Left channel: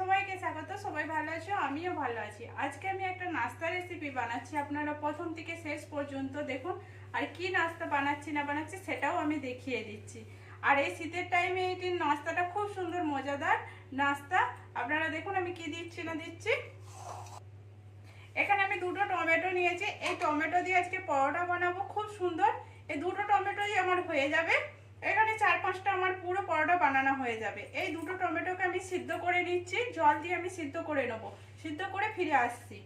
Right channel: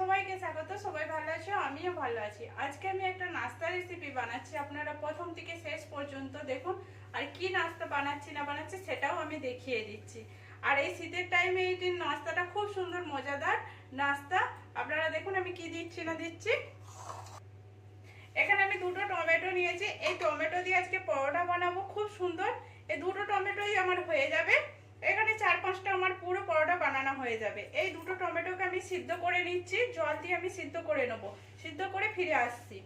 সবাইকে স্বাগত, সবাই ভালো আছো? আমিও ভালো আছি। আজকে আমি একটা নাস্তা রেসিপি বানাচ্ছি, আপনারা প্রথম থেকে শেষ পর্যন্ত দেখুন, আর কি নাস্তা বানাচ্ছি, না বানাচ্ছি সেটাও আমি দেখিয়ে দিচ্ছি। আর এই শীতের টাইমে এই নাস্তাটা খুব সুন্দর, মজাদার নাস্তা। আপনারা দেখুন আমি কি দিচ্ছি, না দিচ্ছি। এখানে আমি দুটো টমেটো নিয়েছি। এই টমেটো দিয়ে আজকে পরোটা বানাবো, খুব সুন্দর। এই দুটো টমেটোই আমার হয়ে যাবে। এখানে চার পাঁচটা আমার পুরো পরোটা বানানো হয়ে যাবে। এই দুটো টমেটোকে আমি সিদ্ধ করে নিচ্ছি, জল দিয়ে আমি সিদ্ধ করে নেব। সিদ্ধ করে ফিরে আসছি।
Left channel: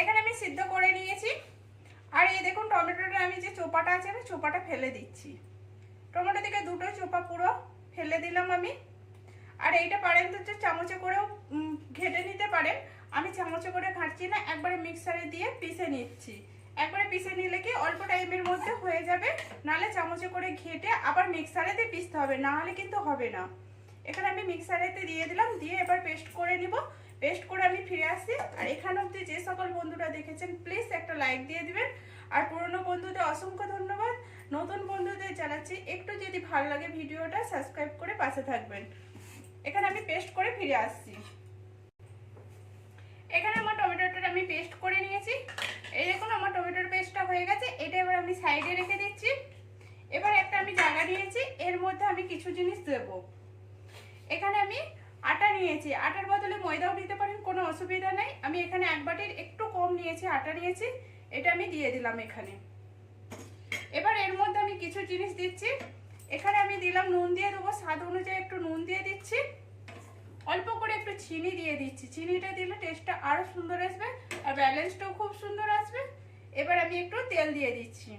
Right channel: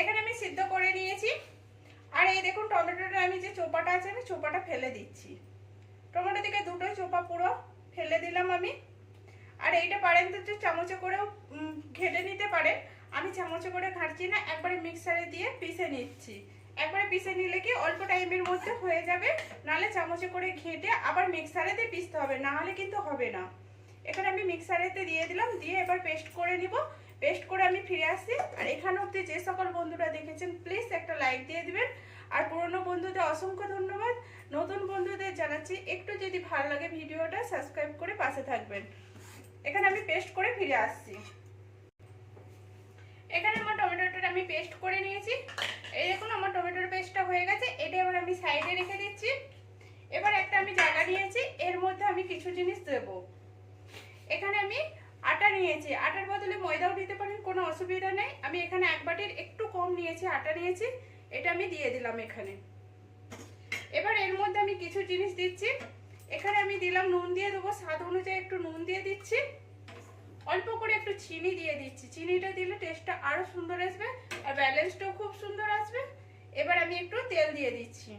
এখানে আমি সিদ্ধ করে নিয়েছি। আর এই দেখুন টমেটোটা, আমি যে চোপাটা আছে, আমি চোপাটা ফেলে দিচ্ছি। টমেটো থেকে দুটোই চোপা পুরো ফেলে দিলাম আমি। আর এইটা পারেন তো যে চামচে করেও ঘেটে নিতে পারেন। আমি চামচে করে ঘাটছি না, একবারে মিক্সারে দিয়ে পিষে নিচ্ছি। একবারে পিষে নিলে কি অল্প টাইমের মধ্যে হয়ে যাবে? নাহলে চামচে করে ঘেটে আবার মিক্সারেতে পিষতে হবে না হলে কিন্তু হবে না। এখানে আমি মিক্সারেতে দিয়ে দিলাম, দিয়ে এবার পেস্ট করে নিব। পেস্ট করে আমি ফিরে আসছি। আর এখানে অব্দি যে সকল বন্ধুরা দেখেছেন, প্লিজ একটা লাইক দিয়ে দিবেন। আর পুরনো বন্ধুদের অসংখ্য ধন্যবাদ। নতুন বন্ধুদের জানাচ্ছি, একটু যদি ভালো লাগে ভিডিওটা সাবস্ক্রাইব করে পাশে থাকবেন। এখানে আমি পেস্ট করে ফিরে আসছি। এখানে আমার টমেটোটা আমি পেস্ট করে নিয়েছি। এই দেখুন, আমার টমেটোর পেস্টটা হয়ে গেছে। এটা এবার আমি সাইডে রেখে দিচ্ছি। এবার একটা আমি জায়গা নিয়েছি। এর মধ্যে আমি কিছু জিনিস দেব। এখানে আমি আটা নিয়েছি। আটার বদলে ময়দাও দিতে পারেন, কোনো অসুবিধা নেই। আমি এখানে এক বাটির একটু কম নিয়েছি, আটা নিয়েছি। এটা আমি দিয়ে দিলাম এখানে। এবার এর মধ্যে আমি কিছু জিনিস দিচ্ছি। এখানে আমি দিলাম নুন দিয়ে দেবো। স্বাদ অনুযায়ী একটু নুন দিয়ে দিচ্ছি। অল্প করে একটু চিনি দিয়ে দিচ্ছি। চিনিটা দিলে টেস্টটা আরও সুন্দর আসবে আর ব্যালেন্সটাও খুব সুন্দর আসবে। এবার আমি একটু তেল দিয়ে দিচ্ছি।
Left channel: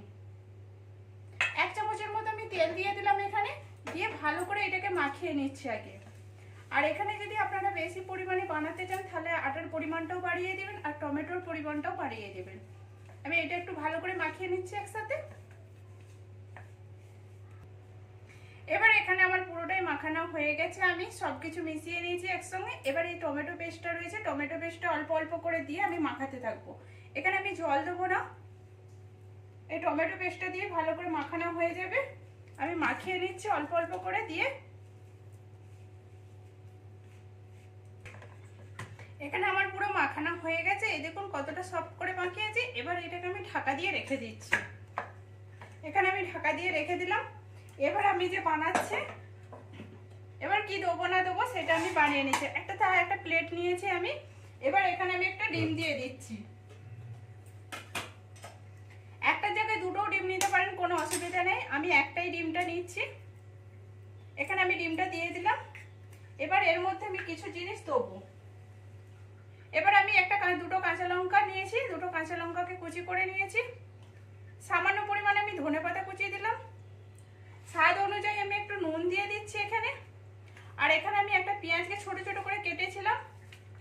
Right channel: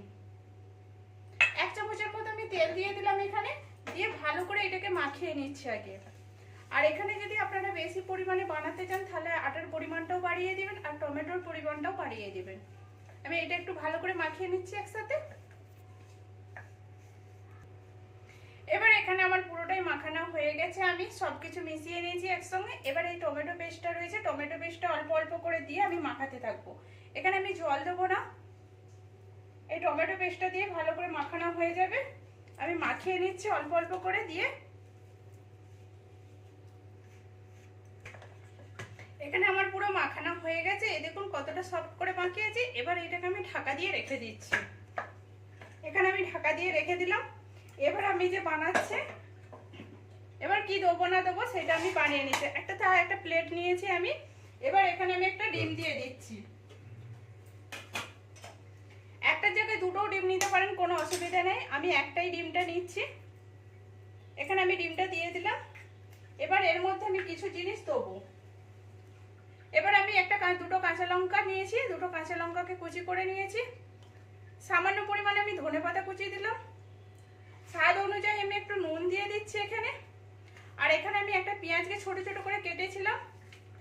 এক চামচের মতো আমি তেল দিয়ে দিলাম এখানে। দিয়ে ভালো করে এটাকে মাখিয়ে নিচ্ছি আগে। আর এখানে যদি আপনারা বেশি পরিমাণে বানাতে চান, তাহলে আটার পরিমাণটাও বাড়িয়ে দিবেন আর টমেটোর পরিমাণটাও বাড়িয়ে দিবেন। আমি এটা একটু ভালো করে মাখিয়ে নিচ্ছি একসাথে। এবার এখানে আমার পুরোটাই মাখানো হয়ে গেছে, আমি সব কিছু মিশিয়ে নিয়েছি একসঙ্গে। এবার এই টমেটো পেস্টটা রয়েছে, টমেটো পেস্টটা অল্প অল্প করে দিয়ে আমি মাখাতে থাকব। এখানে আমি জল দেবো না। এই টমেটো পেস্টটা দিয়ে ভালো করে মাখানো হয়ে যাবে। আমি মাখিয়ে নিচ্ছি অল্প অল্প করে দিয়ে। এখানে আমার পুরো মাখানো হয়ে গেছে। এই দেখুন কতটা সফট করে মাখিয়েছি। এবার এটাকে আমি ঢাকা দিয়ে রেখে দিচ্ছি। এখানে আমি ঢাকা দিয়ে রেখে দিলাম। এবার আমি যে বানাচ্ছি, এবার কি দেবো না দেবো সেটা আমি বানিয়ে নিচ্ছি। একটা চা একটা প্লেট নিয়েছি আমি, এবার এখানে আমি একটা ডিম দিয়ে দিচ্ছি। একটা জায়গায় দুটো ডিম নিতে পারেন, কোনো অসুবিধা নেই। আমি একটাই ডিমটা নিচ্ছি। এখানে আমি ডিমটা দিয়ে দিলাম। এবার এর মধ্যে আমি কিছু জিনিস দেবো। এবার আমি একটা দুটো কাঁচা লঙ্কা নিয়েছি, দুটো কাঁচা লঙ্কাকে কুচি করে নিয়েছি। সামান্য পরিমাণে আমি ধনে পাতা কুচিয়ে দিলাম। স্বাদ অনুযায়ী আমি একটু নুন দিয়ে দিচ্ছি এখানে। আর এখানে আমি একটা পেঁয়াজকে ছোট ছোট করে কেটেছিলাম।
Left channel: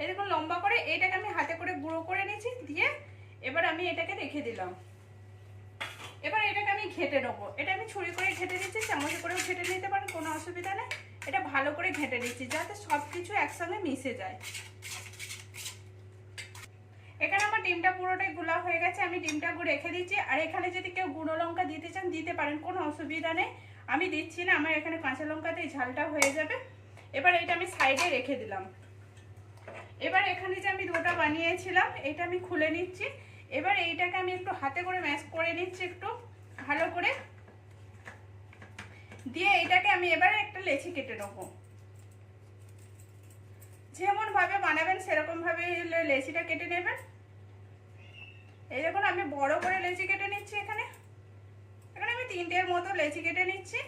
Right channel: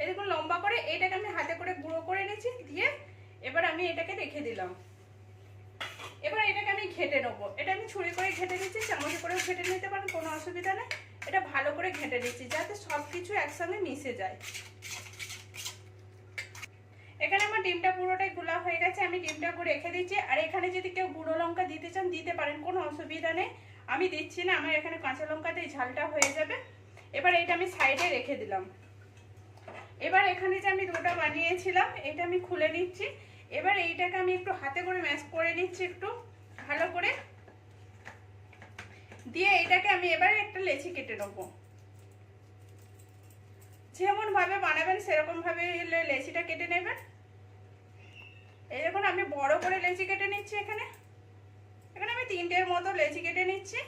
এরকম লম্বা করে। এইটাকে আমি হাতে করে গুঁড়ো করে নিয়েছি, দিয়ে এবার আমি এটাকে রেখে দিলাম। এবার এটাকে আমি ঘেটে নেব। এটা আমি ছুরি করে ঘেটে দিচ্ছি চামচে করেও ঘেটে নিতে পারেন, কোনো অসুবিধা নেই। এটা ভালো করে ঘেটে দিচ্ছি যাতে সব কিছু একসঙ্গে মিশে যায়। এখানে আমার ডিমটা পুরোটাই গুলা হয়ে গেছে, আমি ডিমটা রেখে দিচ্ছি। আর এখানে যদি কেউ গুঁড়ো লঙ্কা দিতে চান, দিতে পারেন, কোনো অসুবিধা নেই। আমি দিচ্ছি না, আমার এখানে কাঁচা লঙ্কাতে ঝালটা হয়ে যাবে। এবার এটা আমি সাইডে রেখে দিলাম। এবার এখানে যে আমি দুটো বানিয়েছিলাম এটা আমি খুলে নিচ্ছি। এবার এইটাকে আমি একটু হাতে করে ম্যাশ করে নিচ্ছি একটু, ভালো করে। দিয়ে এটাকে আমি এবার একটা লেচি কেটে নেব। যেমন ভাবে বানাবেন সেরকম ভাবে লেচিটা কেটে নেবেন। এই দেখুন, আমি বড় করে লেচি কেটে নিচ্ছি এখানে। তিনটের মতো লেচি কেটে নিচ্ছি।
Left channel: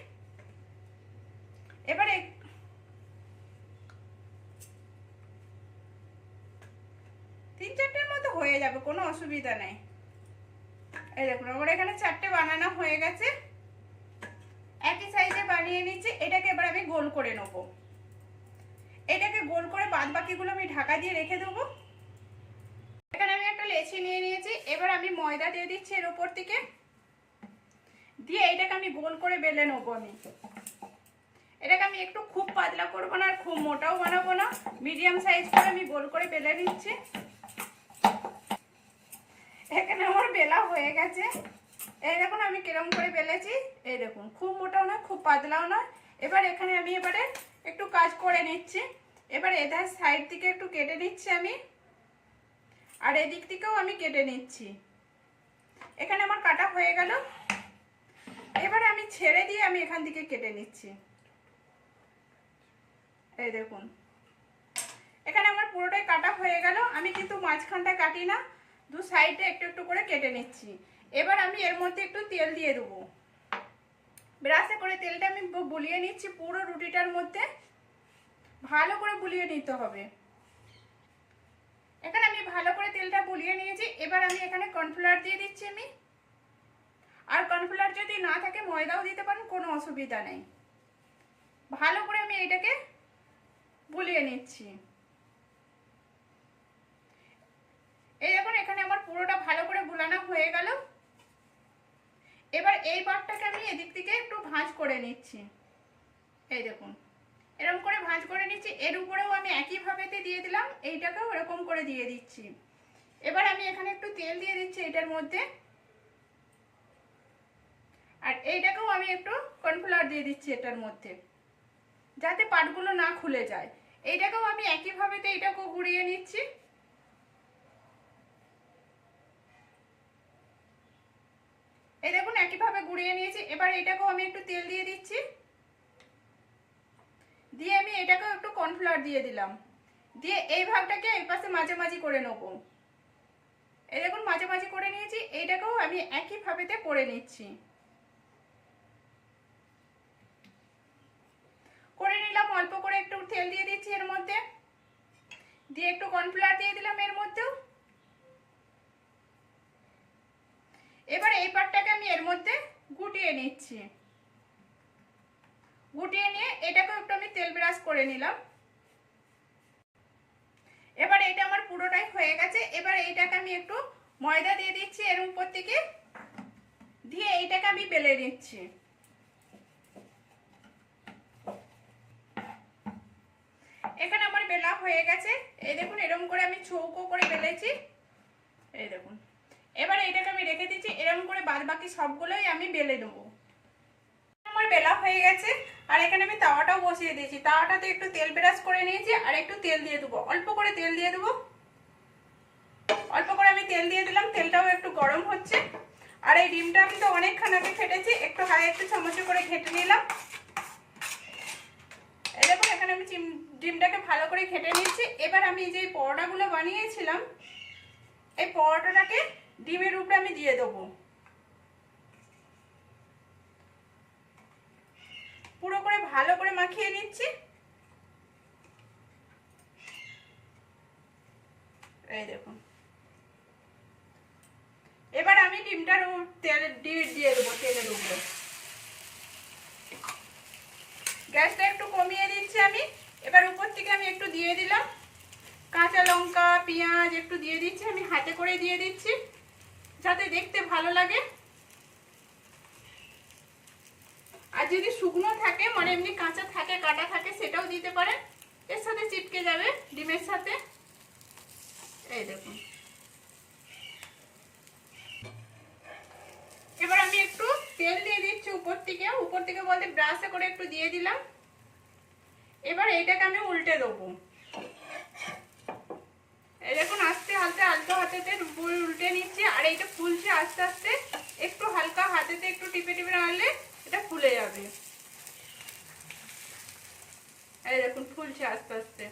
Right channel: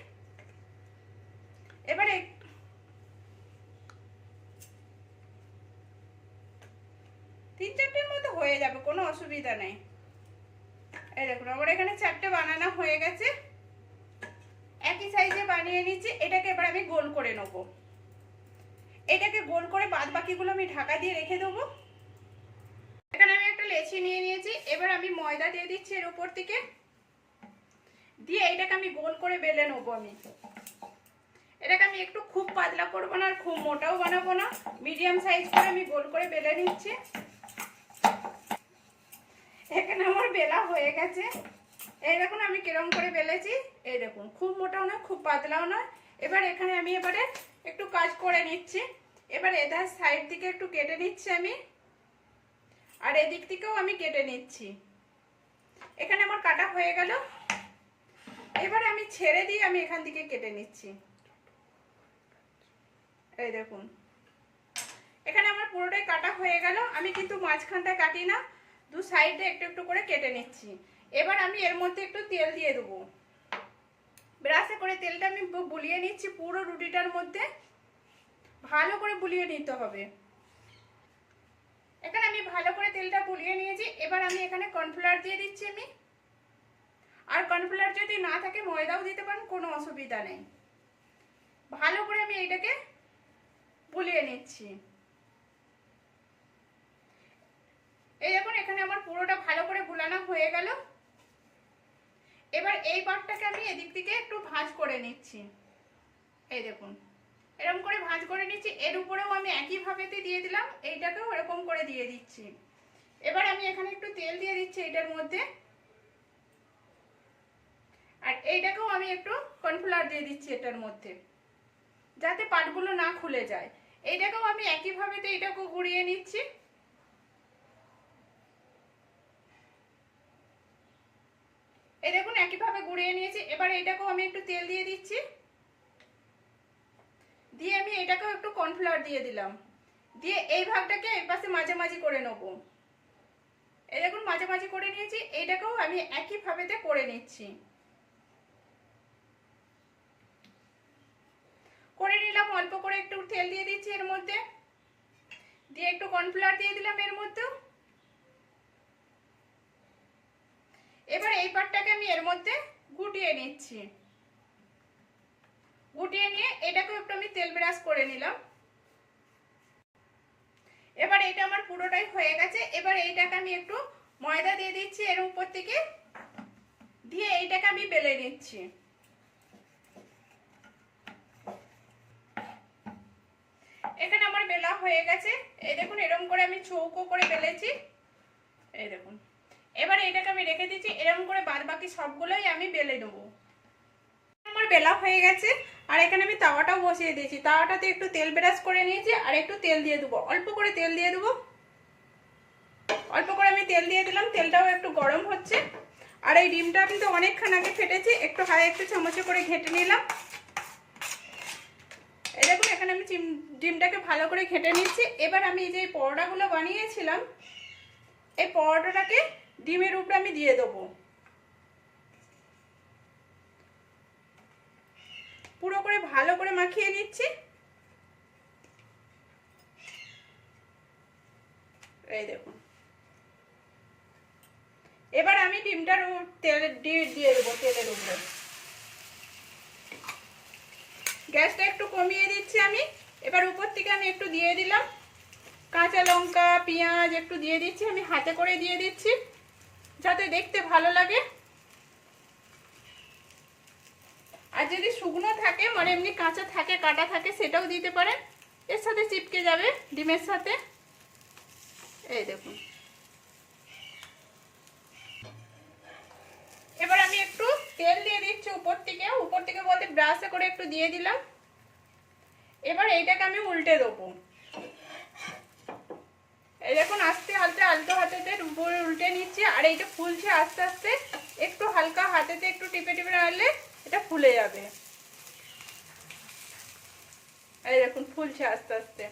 এবারে তিন চারটের মতো হয়ে যাবে, কোনো অসুবিধা নেই। এই দেখুন, আমার এখানে চারটে বানানো হয়ে গেছে। একই সাইজে বানিয়ে নিচ্ছি, এটাকে এবার আমি গোল করে নেব। এটাকে গোল করে বাদ বাকিগুলো আমি ঢাকা দিয়ে রেখে দেবো। এখানে আমি একটা লেচি নিয়ে নিয়েছি, এবার আমি ময়দা দিয়ে দিচ্ছি এর উপর থেকে। দিয়ে এটাকে আমি গোল করে বেলে নেব আমি। এটাকে আমি একটু খুব পাতলা করব না, আর খুব মোটাও বানাবো না। মিডিয়াম সাইজ করে আমি গোল করে বেলে নিচ্ছি। এখানে আমার বেলা হয়ে গেছে। এই দেখুন আমি কিরম করে বেলেছি। এই দেখুন, খুব মোটাও নয়, খুব পাতলাও নয়। এবার এখানে আমি এবারে একটু কাজ করে নিচ্ছি। এবার এধার সাইড থেকে একটু কেটে নিচ্ছি আমি। আর এদিক থেকেও আমি কেটে নিচ্ছি। এখানে আমার কাটা হয়ে গেল। এবার আমি ছেড়ে দিয়ে আমি এখান থেকে কেটে নিচ্ছি। এই দেখুন। এখানে আমার পুরোটাই কাটা হয়ে গেল। আমি কিন্তু মাঝখানটায় কাটি না, দু সাইডে একটু একটু করে কেটে নিচ্ছি। এবার আমি এর মধ্যে একটু তেল দিয়ে দেবো। ব্রাশে করে তেলটা আমি বুলিয়ে নিচ্ছি পুরো রুটিটার মধ্যে। ভালো করে বুলিয়ে নিতে হবে। এখানে আমি ভালো করে তেলটা বুলিয়ে নিয়েছি। এবার আমি এখানে কর্নফ্লাওয়ার দিয়ে দিচ্ছি আমি। আর কর্নফ্লাওয়ার যদি না থাকে, ময়দাও দিতে পারেন, কোনো অসুবিধা নেই। ভালো করে আমি এটাকে বুলিয়ে নিচ্ছি। এই দেখুন, এখানে আমার পুরোটা ভালো করে বুলানো হয়ে গেল। এবার এই পাটটাকে আমি এদিক থেকে একটু ভাঁজ করে নিচ্ছি। এই দেখুন এরকম করে ভাঁজ করে নিচ্ছি। এর উপরেও আমি একইভাবেতে দিয়ে দিলাম, এইটাকেও এরকম করে দিয়ে দিচ্ছি। এবার আমি এখানে একটু তেল দিয়ে দিচ্ছি, এটার মধ্যে। আর এইটাকেও আমি একটু কর্নফ্লাওয়ার দিয়ে দিচ্ছি এটার মধ্যে, যাতে পাটগুলো না খুলে যায়। এইটাকেও আমি একইভাবেতে এটাকেও গুঁড়িয়ে নিচ্ছি। এই দেখুন, একইভাবে গুঁড়িয়ে নিয়েছি। এবার এটাকেও আমি একটু তেল দিয়ে দিচ্ছি। দিয়ে আমি এটাকেও একটু কর্নফ্লাওয়ার দিয়ে দিলাম। দিয়ে এই ভাগটাকে এই পাশে মাঝামাঝি করে নেব। এই দেখুন, মাঝামাঝি করে নিয়েছি। এইটাকেও আমি একইভাবেতে করে নিচ্ছি। করে নিলাম, অল্প করে একটু তেল দিয়ে দিচ্ছি এর মধ্যে। দিয়ে একটু কর্নফ্লাওয়ার দিয়ে দিলাম এর মধ্যেও। এবার এই পাটটাকে আমি এর মধ্যে গুটিয়ে নিচ্ছি। গুটিয়ে নিয়ে এটাকেও একটু আমি তেল ব্রাশ করে নিলাম। এবার এটা আমার পুরোটাই হয়ে গেছে। এবার এইটাকে আমি একটু ময়দা দিয়ে দিচ্ছি এর উপর থেকে। দিয়ে এইটাকে আমি বেলে নিচ্ছি এখানে আমার বেলা হয়ে গেছে। এই দেখুন এরকম করে আমি চৌকো করে বেলেছি। এই দেখুন। এবার এটাকে আমি রেখে দিচ্ছি এরকম করে বাদ বাকি সবগুলোই আমি বেলে নেব। আমার বেলা হয়ে গেছে, আর এখানে আমি তাওয়াটাও বসিয়ে দিয়েছি। তাওয়াটাতে একটু তেল ব্রাশ করে নিয়েছি, আর একটু তেল দিয়ে দেবো। অল্প করে তেল দিয়ে দেবো। অল্প করে আমি তেল দিয়ে দিলাম, তেলটাও একটু গরম হচ্ছে। আর এই ডিমটা আমি তো অনেকক্ষণ আগে ফেটেছি, একটু হাই একটু চামচে করে ঘেটে নিলাম। দেখুন, এখানে আমি চিম- ডিমটাকে ভালো করে ঘেটে নিচ্ছি এবার আমি যে পরোটাগুলো বানিয়েছিলাম, এই পরোটাটাকে ডিমের উপরে আমি দিয়ে দেবো। পুরো করে ভালো করে মাখিয়ে নিচ্ছি। এই দেখুন। এবার আমি ডিমটার তেল দিয়ে দেবো তেলের উপরে। গ্যাসটা একটু কমিয়ে দিচ্ছি আমি। এবার উপর থেকে আমি একটু দিয়ে দিলাম। কাঁচা লঙ্কা, পেঁয়াজ একটু দিয়ে দিচ্ছি, আমি হাতে করে দিয়ে দিচ্ছি, যাতে দেখতে ভালো লাগে। আর যদি শুকনো থাকে মানে এমনি কাঁচা থাকে, কাটা থাকে, সেটাও দিতে পারেন এর সাথে চিপকে যাবে ডিমের সাথে। এই দেখুন। এবার আমি একটু তেল দিয়ে দিচ্ছি উপর থেকে। উপর থেকে বলতে ব্রাশে করে একটু দিয়ে দিলাম। এবার এইটাকে আমি উল্টে দেবো। দেখুন, আস্তে আলতে আলতো হাতেতে উল্টে নিচ্ছি, আর এইটা ফুলছে আস্তে আস্তে, একটু হালকা হাতেতে একটু টিপে টিপে নাড়লে এটা ফুলে যাবে। এই দেখুন, ফুলছে আস্তে আস্তে।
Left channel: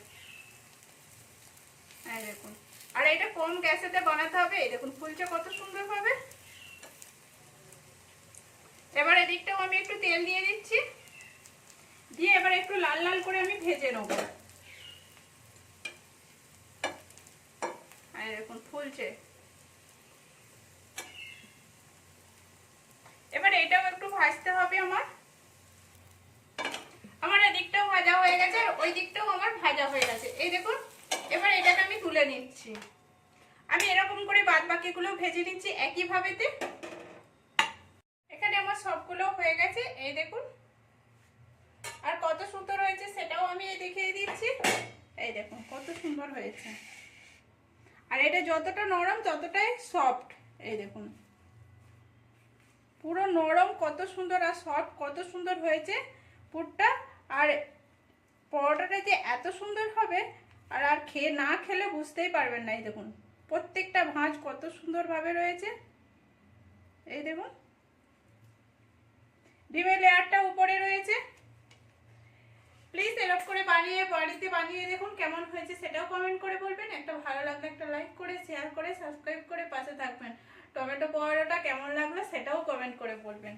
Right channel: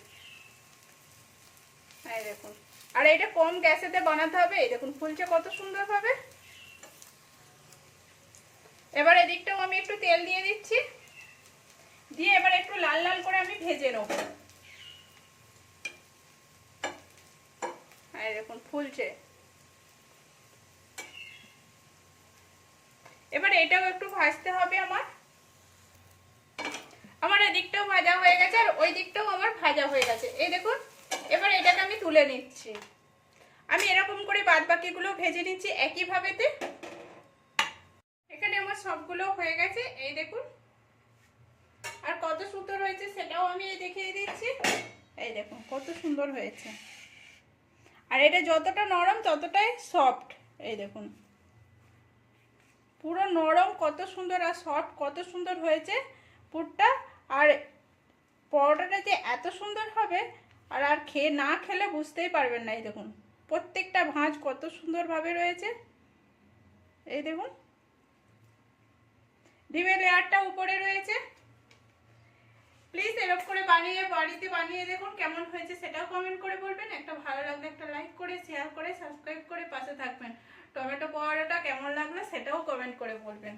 এই দেখুন, আর এটা কম গ্যাসেতে বানাতে হবে। এই দেখুন, ফুলছে কত সুন্দর ভাবে এবার এদিকটাও আমি একটু তেল দিয়ে দিচ্ছি। দিয়ে এবার একটু লাল লাল করে আমি ভেজে নেব। দেখুন, ফুলছে। এবার এটাও একটু ভাজতে হবে আমার। আমার এদিকটাও ভাজা হয়ে গেছে আর ওই দিকটাও আমার ভাজা হয়ে গেছে। এই দেখুন, এবার এটাকে আমি তুলে নিচ্ছি। আমি এরকম করে বাদ বাকিগুলো ভেজে নিচ্ছি একই ভাবেতে এখানে আমার সবগুলো হয়ে গেছে। এই দেখুন আর কত সুন্দর হয়েছে সেটাও আমি এই দেখিয়ে দিচ্ছি। এই দেখুন, কত সুন্দর হয়েছে। আর এটা যতটা নরম, ততটাই সফট এই দেখুন। পুরো নরম, কত সুন্দর আর সফট কত সুন্দর হয়েছে পুরটা। আর পরোটাটা যে এত সুন্দর হবে, আর আর খেয়ে, না খেলে বুঝতেই পারবেন না। এই দেখুন, প্রত্যেকটা ভাঁজ কত সুন্দরভাবে রয়েছে। এই দেখুন। ডিমের লেয়ারটা উপরে রয়েছে। প্লিজ এরপ করে বানিয়ে, বাড়িতে বানিয়ে দেখুন কেমন হয়েছে, সেটাও কমেন্ট করে বলবেন। একটা ভালো লাগলে একটা লাইক করে শেয়ার করে সাবস্ক্রাইব করে পাশে থাকবেন। টমেটো পরোটাটা কেমন লাগল সেটাও কমেন্ট করে বলবেন।